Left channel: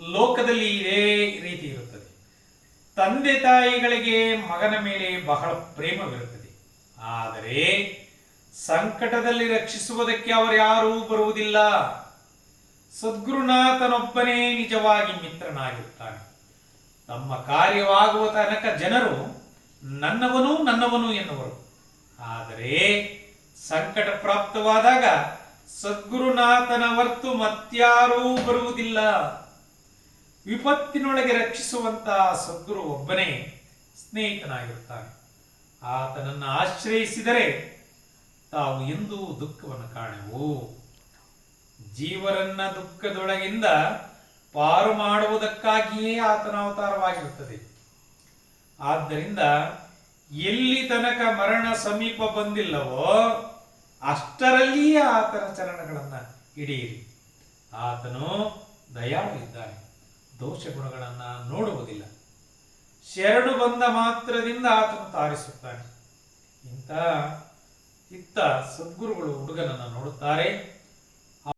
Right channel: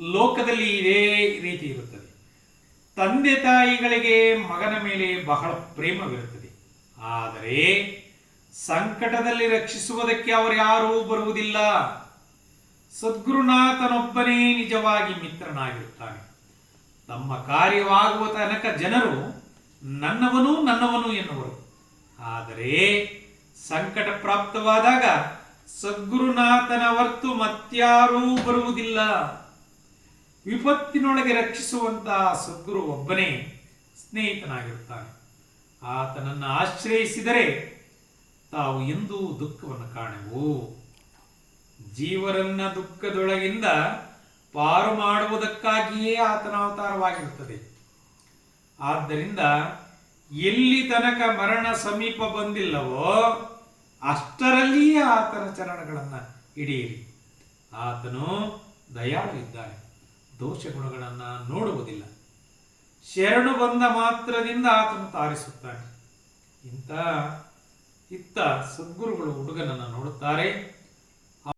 ಲೋಕದಲ್ಲಿ ಇದೇ ರೀತಿ ಇರುತ್ತದೆ. ತಂದೆ ತಾಯಿಗಳಿಗೆ ಮಗನ ಮೇಲೆ ಬಹಳ ಪ್ರೇಮವಿರುತ್ತದೆ. ಆದರೆ ಸಂಕಟದಲ್ಲಿ ರಕ್ಷಿಸುವುದಕ್ಕೆ ಅವರು ಯಾರೂ ಬರುವುದಿಲ್ಲ. ಸದ್ಗುರುನಾಥನೊಬ್ಬನೇ ನಿಜವಾಗಿ ಮಿತ್ರನಾಗಿರುತ್ತಾನೆ. ತಮ್ಮ ಕಾರ್ಯವಾಗುವ ತನಕ ಜನರು ನನ್ನವನು ನನ್ನವನು ಎನ್ನುವರು. ಆದರೆ ಸಂಕಟ ಪ್ರಾಪ್ತವಾದಾಗ ಸದ್ಗುರುನಾಥನ ಹೊರತು ಮತ್ಯಾರೂ ಬರುವುದಿಲ್ಲ. ವಿಪತ್ತಿನೊಳಗೆ ರಕ್ಷಿಸುವಂತಹ ಸದ್ಗುರು ಒಬ್ಬನೇ ಸ್ನೇಹಿತನಾಗಿರುತ್ತಾನೆ. ಆತನನ್ನು ಆಶ್ರಯಿಸಿದರೆ ತಾವು ಎಂದೂ ದುಃಖವನ್ನು ಕಾಣೆವು. ಜೀವರನ್ನ ದುಃಖದೊಳಗಿಂದ ಪಾರು ಮಾಡುವುದಕ್ಕಾಗಿಯೇ ಆತನ ಅವತಾರವಾಗಿರುತ್ತದೆ. ಆದ್ದರಿಂದ ಎಲ್ಲಿ ತನಕ ಮರಣ ಸಮೀಪ ಬಂದಿಲ್ಲವೋ ಅಷ್ಟರಲ್ಲಿಯೇ ಆತನ ಚರಣಗಳನ್ನು ಹಿಡಿಯಿರಿ. ಆತನು ದಯಾಳು ಇದ್ದಾನೆ, ದೋಷ ಗುಣಗಳನ್ನು ನೋಡುವುದಿಲ್ಲ. ಶರಣು ಬಂದ ಮಾತ್ರದಿಂದ ಆತನು ತಾರಿಸುತ್ತಾನೆ. ಇತ್ತ ಸದ್ಗುರುಗಳು ಹುಡುಗನನ್ನು ನೋಡುತ್ತಾರೆ.